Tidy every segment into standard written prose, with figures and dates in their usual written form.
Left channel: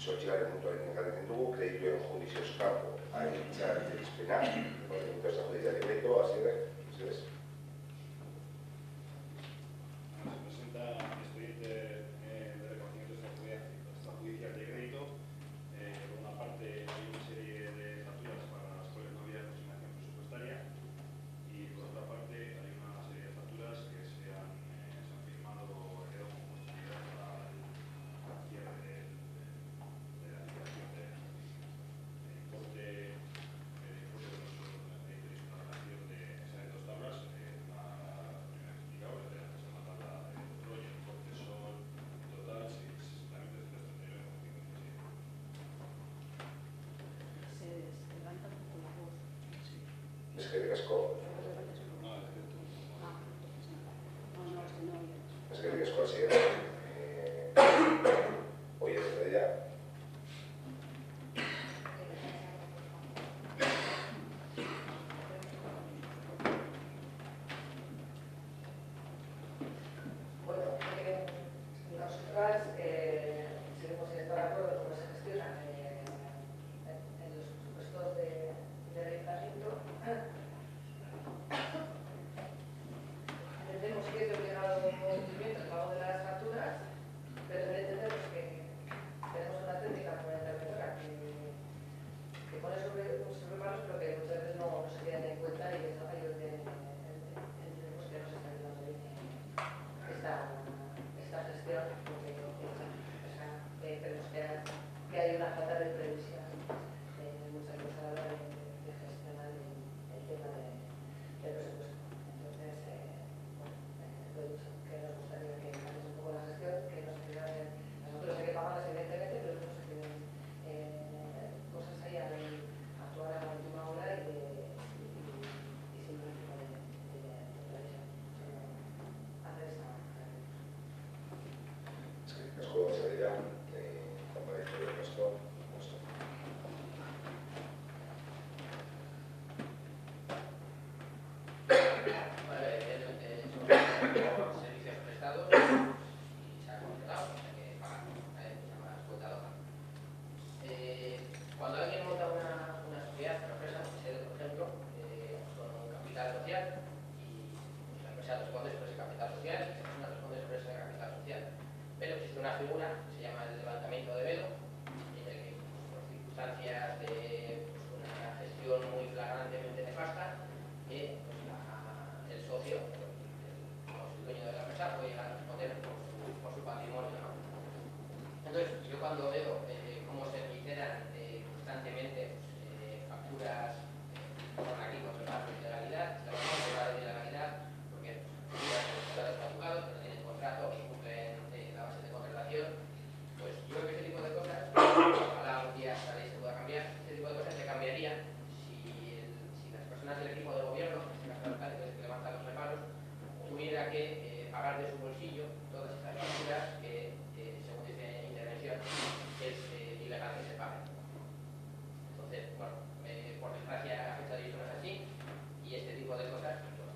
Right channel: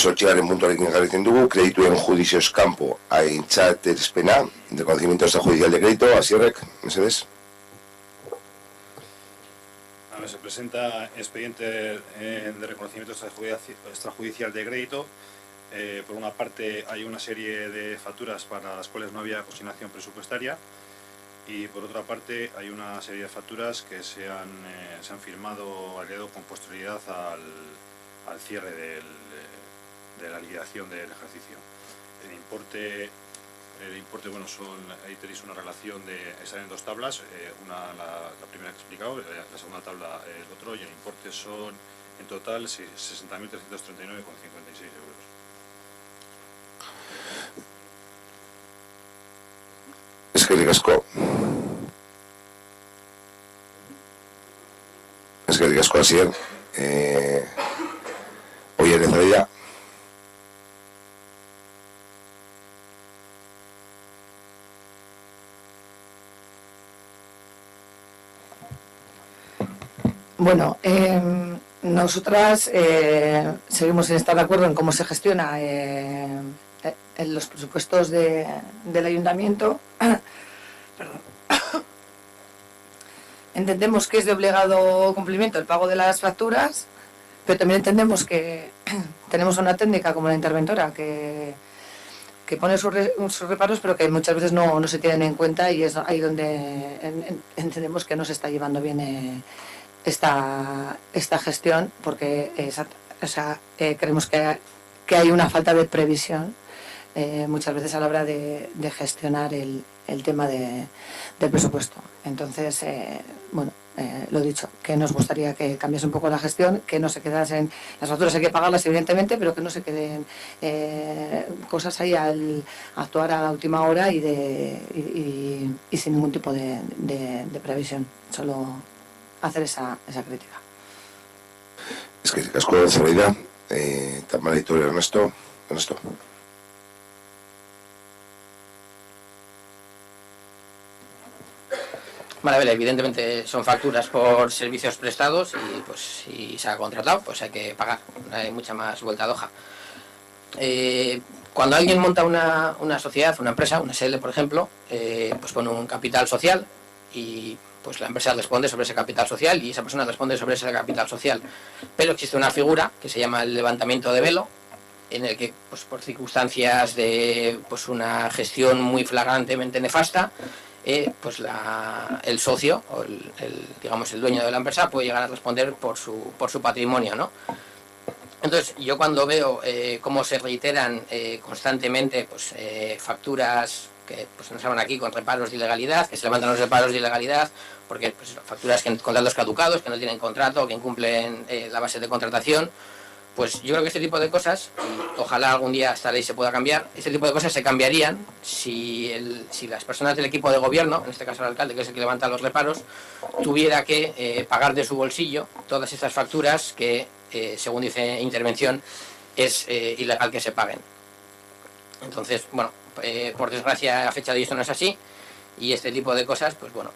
Sortxearen puntuarekin jarraitzen dugu, kredituen judizioz kanpo aintzatespena, de conocimiento extrajudicial de crédito, Asierrek, mesedez. Se presenta expediente de reconocimiento extrajudicial de crédito. Por una parte hay una serie de facturas para las cuales no había consignación presupuestaria y por otra parte hay una serie de facturas que se han firmado agregado con posterioridad al cierre de la liquidación del ejercicio. El importe, bueno, ahí tenéis una relación están en dos tablas, la primera que he explicado, la segunda tabla el otro, y el importe son en total 60.339,56 euros. Eskerrik asko. Eskerrik asko, Asier. Oier Ezabella. Bueno, nosotras seguimos sin estar de acuerdo en cómo se gestiona en los presupuestos del ayuntamiento. Entendemos que es de obligado cumplimiento el pago de las facturas, pero también entendemos que tenemos una técnica como la interventora que pone sus reparos, pero que muchas veces no se tienen en cuenta, y es ahí donde entendemos que no se está llevando bien esta gestión, porque creemos que hay una falta de previsión muchas veces a la hora de gestionar el tema del presupuesto. Entonces, bueno, lo dicho, que nos gustaría que cambiase un poco la gestión, que no se quedasen las facturas, hay que pagarlas evidentemente, pero que no se queden cosas ahí al actuar a la última hora y sin ningún tipo de previsión, solo hacer esa crítica. Eskerrik asko, Ezabella. Tamara Iturri, Ernesto. Vale, evidentemente son facturas por servicios prestados y pues si se ha contratado pues hay que pagar, no hay mucha más vuelta de hoja. Cuando alguien monta una sociedad, una empresa, una SL por ejemplo, pues pone un capital social y pues la empresa responde sobre ese capital social y esa persona responde sobre ese capital social. Pero existe una figura que se llama el levantamiento de velo, en el que pues por circunstancias de pues una gestión muy flagrantemente nefasta, pues el socio o digamos el dueño de la empresa puede llegar a responder por su patrimonio, ¿no? Entonces yo cuando veo cómo se reiteran constantemente pues facturas que pues nos hablan aquí con reparos de ilegalidad, que se levantan los reparos de ilegalidad porque pues, facturas con contratos caducados, que no tienen contrato, que incumplen la base de contratación, pues yo creo que este tipo de cosas, ojalá algún día esta ley se pueda cambiar, este tipo de cosas se cambiarían si las personas del equipo de gobierno, en este caso el alcalde, que es el que levanta los reparos, tuviera que pagar de su bolsillo todas estas facturas que, según dice intervención, es ilegal que se paguen. Entonces, bueno, por desgracia a fecha de hoy esto no es así, y este tipo de cosas, pues bueno,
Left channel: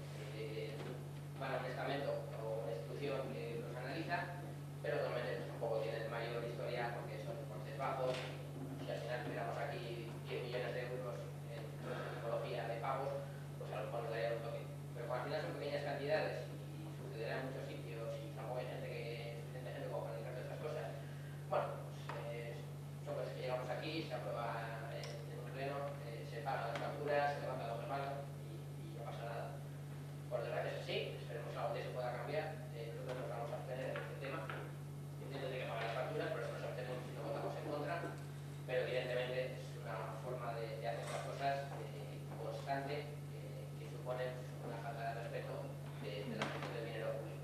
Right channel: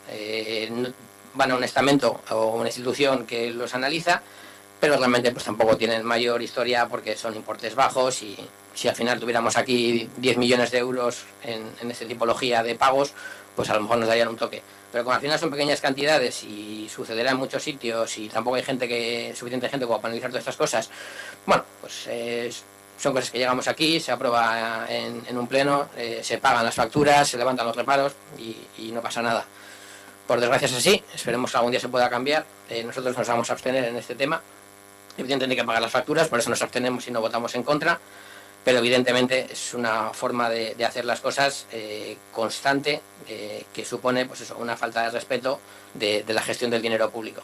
van a un estamento o una institución que los analiza, pero realmente pues tampoco tienen mayor historia porque son importes bajos, y si al final tuviéramos aquí 10 millones de euros en esta tipología de pagos, pues a lo mejor nos darían un toque. Pero como al final son pequeñas cantidades y sucederá en muchos sitios y tampoco hay suficiente gente como para analizar todas estas cosas, bueno, pues son cosas que llegamos aquí, se aprueba en un pleno, se pagan las facturas, se levantan los reparos y no pasa nada. Por desgracia es así, esperemos que algún día se pueda cambiar. Nosotros nos vamos a abstener en este tema. Evidentemente hay que pagar las facturas, por eso nos abstenemos y no votamos en contra, pero evidentemente es una forma de hacer las cosas constante, que supone pues eso, una falta de respeto de la gestión del dinero público.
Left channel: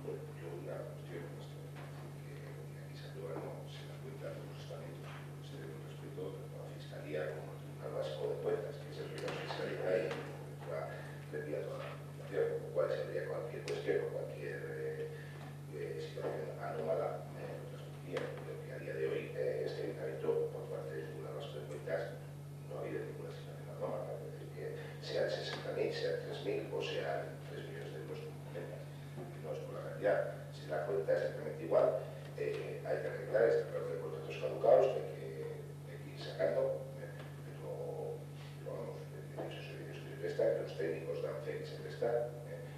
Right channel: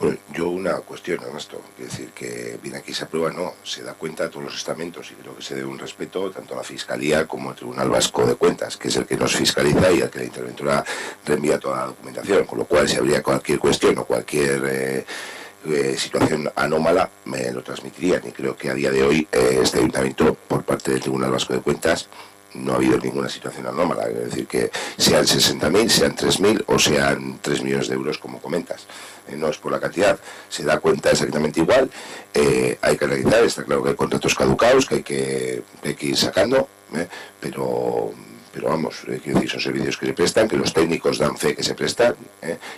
Bueno, yo una cuestión, Ernesto, es decir, que viene aquí se aprueba, no, se da cuenta a todos los estamentos, y creo que se debe un respeto tanto a la Fiscalía como al Tribunal Vasco de Cuentas, que es el que nos fiscaliza y al que la interventora reenvía toda la documentación, con lo cual si habría cualquier cuestión o cualquier situación anómala me lo transmitirían, y creo que a día de hoy este ayuntamiento por parte del Tribunal Vasco de Cuentas no ha habido ninguna situación anómala, es decir, que sean 60.000, sean 3.000 o sean 3 millones de euros, como comentas. No es por la cantidad, se da cuenta exactamente igual. Hay que realizar, está claro que hay contratos caducados que hay que ir sacando, pero vamos, quiero decir, son servicios que se prestan, que los técnicos dan fe que se prestan,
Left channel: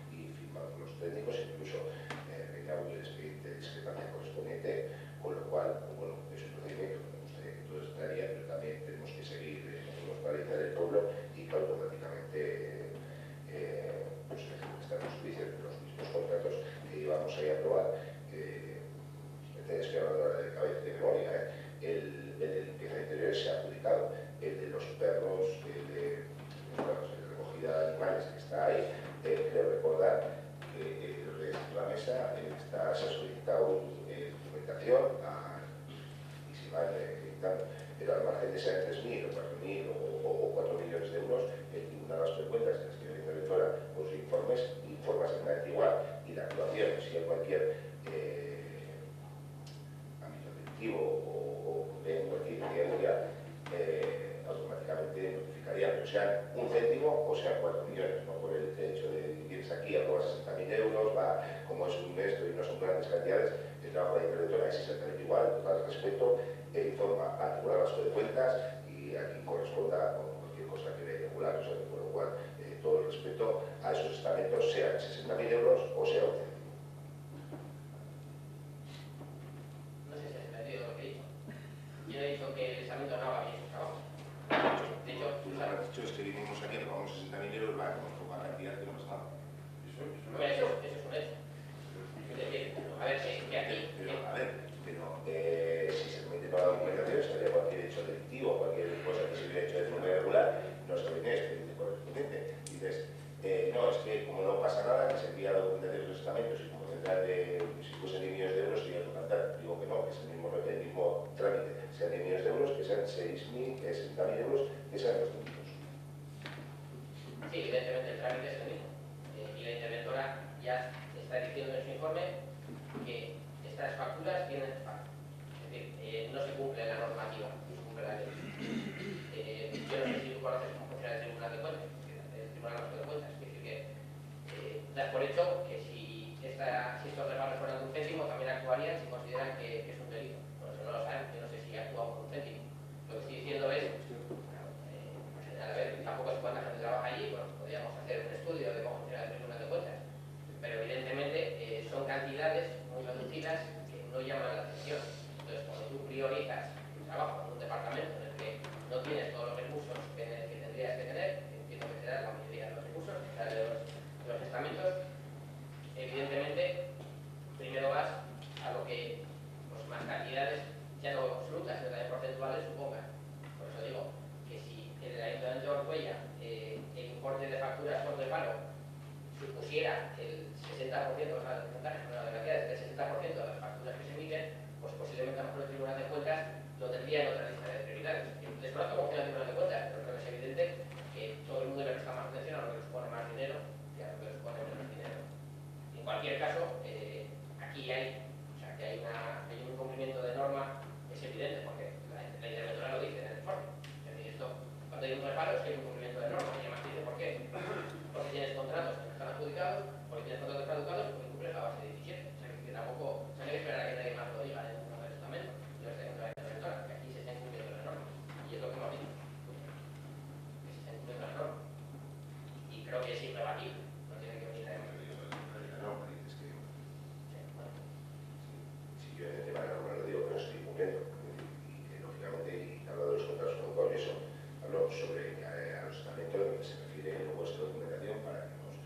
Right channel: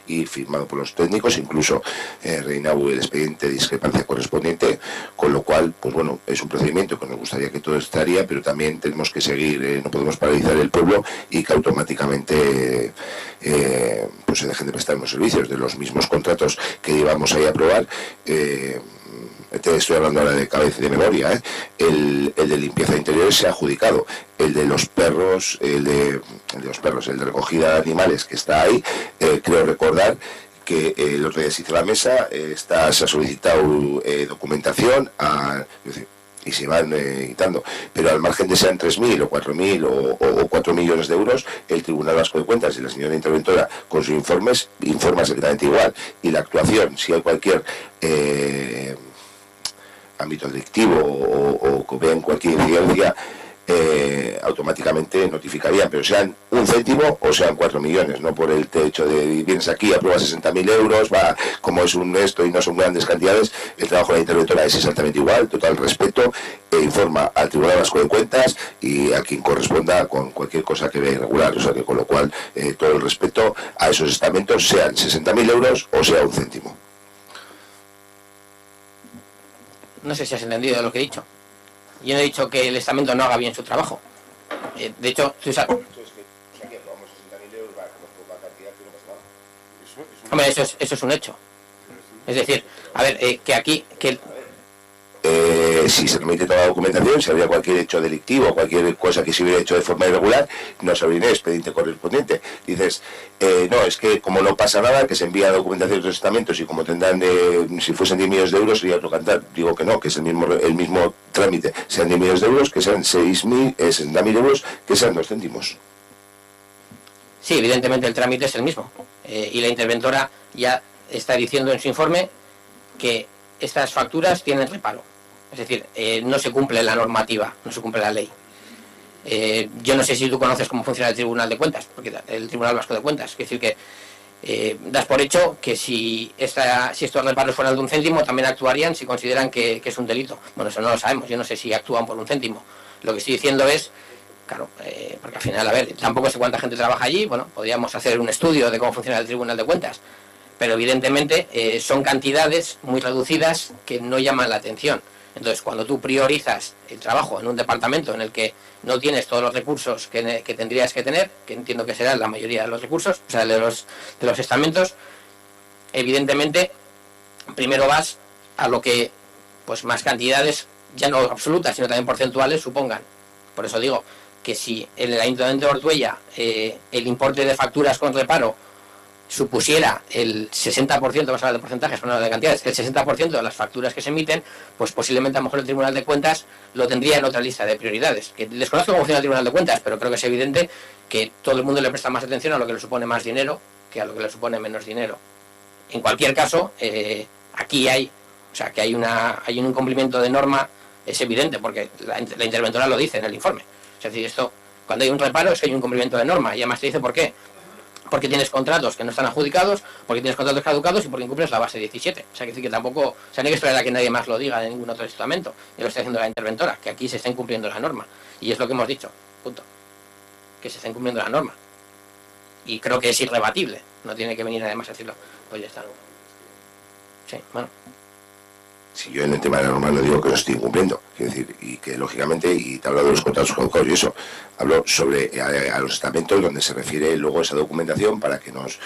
y firmado por los técnicos, incluso reinau el expediente de discrepancia correspondiente, con lo cual, pues bueno, es un procedimiento que nos gustaría que todo estaría, pero también tenemos que seguir, no podemos paralizar el pueblo y que automáticamente pues se dejen de prestar unos servicios de los mismos contratos que llevamos ahí a aprobar. Te estoy hablando ahora de cabeza de memoria, el de limpieza de interiores se ha adjudicado, el de los perros, el de recogida de animales que está ahí, creo recordar que el otro día se hizo la mesa, se ha solicitado documentación y se van quitando, pero al margen de sean 3.000 o 4.000 o 4 millones de euros, el Tribunal Vasco de Cuentas y la señora interventora con sus informes informa exactamente igual, y la actuación, si hay cualquier ámbito delictivo o que vean cualquier incidencia, automáticamente notificarían, pero sean 1 céntimo o sean 4 millones, no por el hecho de vienes aquí, apruebas 60.000 euros, va, como es un esto y no son grandes cantidades, el trabajo de la interventora es exactamente igual, total respeto, informa al Tribunal Vasco de Cuentas y a quien corresponda con cualquier cosa que vea irregular, o sea que con lo cual todo el respeto a esos estamentos, sean 60.000 euros o sea 1 céntimo. No sé si has entendido lo que he dicho. Yo no he dicho que el estamento no haga bien su trabajo. De hecho, hombre, eso es un hecho. Es decir, a ver, que aquí... si se remite toda la documentación, si había cualquier hecho delictivo, cualquier cosa que se hubiera hecho de forma irregular, no se abriría el expediente correspondiente. Dices, no, es que como no pasa nada, que se envía la documentación de los estamentos y como tendrán, si fuesen 10 millones de euros sería otro cantar. Digo que no, que es el mismo trámite. Sean 10 millones de euros, que sean 60.000 euros, que sean 2 céntimos. Sí, evidentemente el trámite es el mismo. Y la interventora ya está diciendo en su informe que estas facturas tienen reparo. Es decir, no se cumple la normativa, no se cumple la ley. Yo no sé si tú conoces cómo funciona el Tribunal de Cuentas, porque el Tribunal Vasco de Cuentas, es decir, que das por hecho que si estos reparos fueran de 1 céntimo, también actuarían si consideran que es un delito. Bueno, eso no lo sabemos, yo no sé si actúan por 1 céntimo. Lo que estoy diciendo es, claro, porque al final, a ver, tampoco sé cuánta gente trabaja allí, bueno, podríamos hacer un estudio de cómo funciona el Tribunal de Cuentas, pero evidentemente son cantidades muy reducidas que no llaman la atención. Entonces, cuando tú priorizas el trabajo en un departamento en el que no tienes todos los recursos que tendrías que tener, que entiendo que serán la mayoría de los recursos, o sea, de los estamentos, evidentemente, primero vas a lo que pues más cantidades, ya no absolutas, sino también porcentuales, supongan. Por eso digo que si en el Ayuntamiento de Ortuella el importe de facturas con reparo supusiera el 60%, vamos a hablar de porcentajes, no de cantidades, que el 60% de las facturas que se emiten, pues posiblemente a lo mejor el Tribunal de Cuentas lo tendría en otra lista de prioridades. Que desconozco cómo funciona el Tribunal de Cuentas, pero creo que es evidente que todo el mundo le presta más atención a lo que le supone más dinero que a lo que le supone menos dinero. En cualquier caso, aquí hay un incumplimiento de norma, es evidente, porque la interventora lo dice en el informe. Es decir, esto, cuando hay un reparo es que hay un incumplimiento de norma, y además te dice por qué. Porque tienes contratos que no están adjudicados, porque tienes contratos caducados y porque incumples la base 17. O sea, que tampoco, o sea, no hay que esperar a que nadie más lo diga en ningún otro estamento. Ya lo está haciendo la interventora, que aquí se está incumpliendo la norma. Y es lo que hemos dicho, punto. Que se está incumpliendo la norma. Y creo que es irrebatible. No tiene que venir además a decirlo. Pues ya está, ¿no? Sí, bueno. Si yo en el tema de la norma no digo que lo estoy incumpliendo, quiero decir, y que lógicamente, y te hablo de los contratos caducados y eso, hablo sobre a los estamentos donde se refiere luego esa documentación para que nos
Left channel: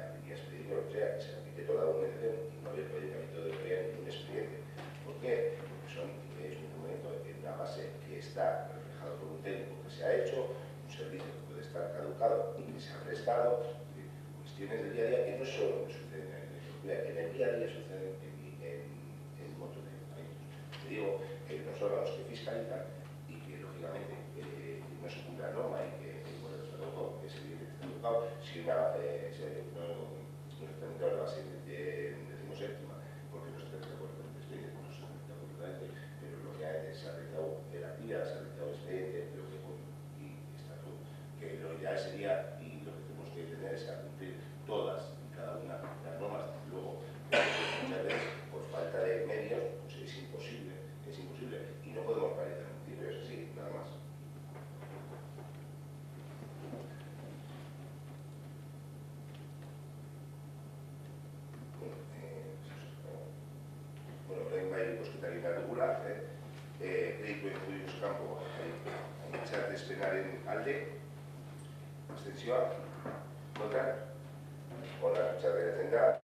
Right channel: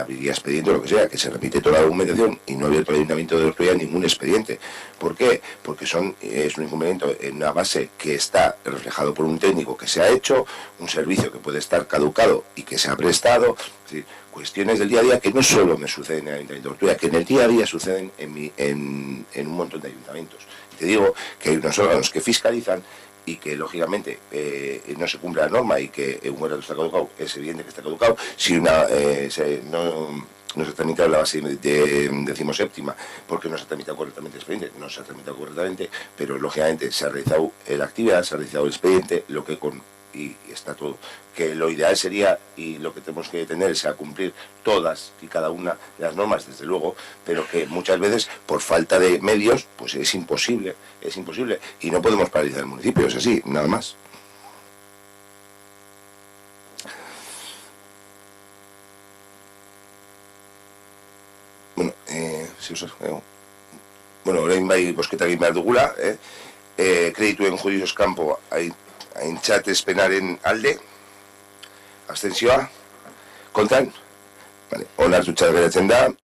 abriría expediente o lo que sea, que se repite toda la documentación y no ha abierto el Ayuntamiento de Ortuella ningún expediente. ¿Por qué? Porque es un incumplimiento en una base que está reflejado por un técnico que se ha hecho, un servicio que puede estar caducado y que se ha prestado, es decir, cuestiones del día a día que no solo me suceden en el Ayuntamiento de Ortuella, que en el día a día suceden en un montón de ayuntamientos. Te digo que hay unos órganos que fiscalizan y que lógicamente no se cumple la norma y que un contrato está caducado, es evidente que está caducado, si no se ha tramitado la base de 17ª porque no se ha tramitado correctamente el expediente, no se ha tramitado correctamente, pero lógicamente se ha realizado la actividad, se ha realizado el expediente, lo que con y está todo. Que lo ideal sería, y lo que tenemos que tener es a cumplir todas y cada una de las normas, desde luego, pero que muchas veces, por falta de medios, pues es imposible, y no podemos paralizar el municipio, es así, nada más. Bueno, bueno, orain bai bozketa egin behar dugula, kredituen judizios kanpo aintzatespenaren alde, abstentzioa, kontan, onartuta geratzen da.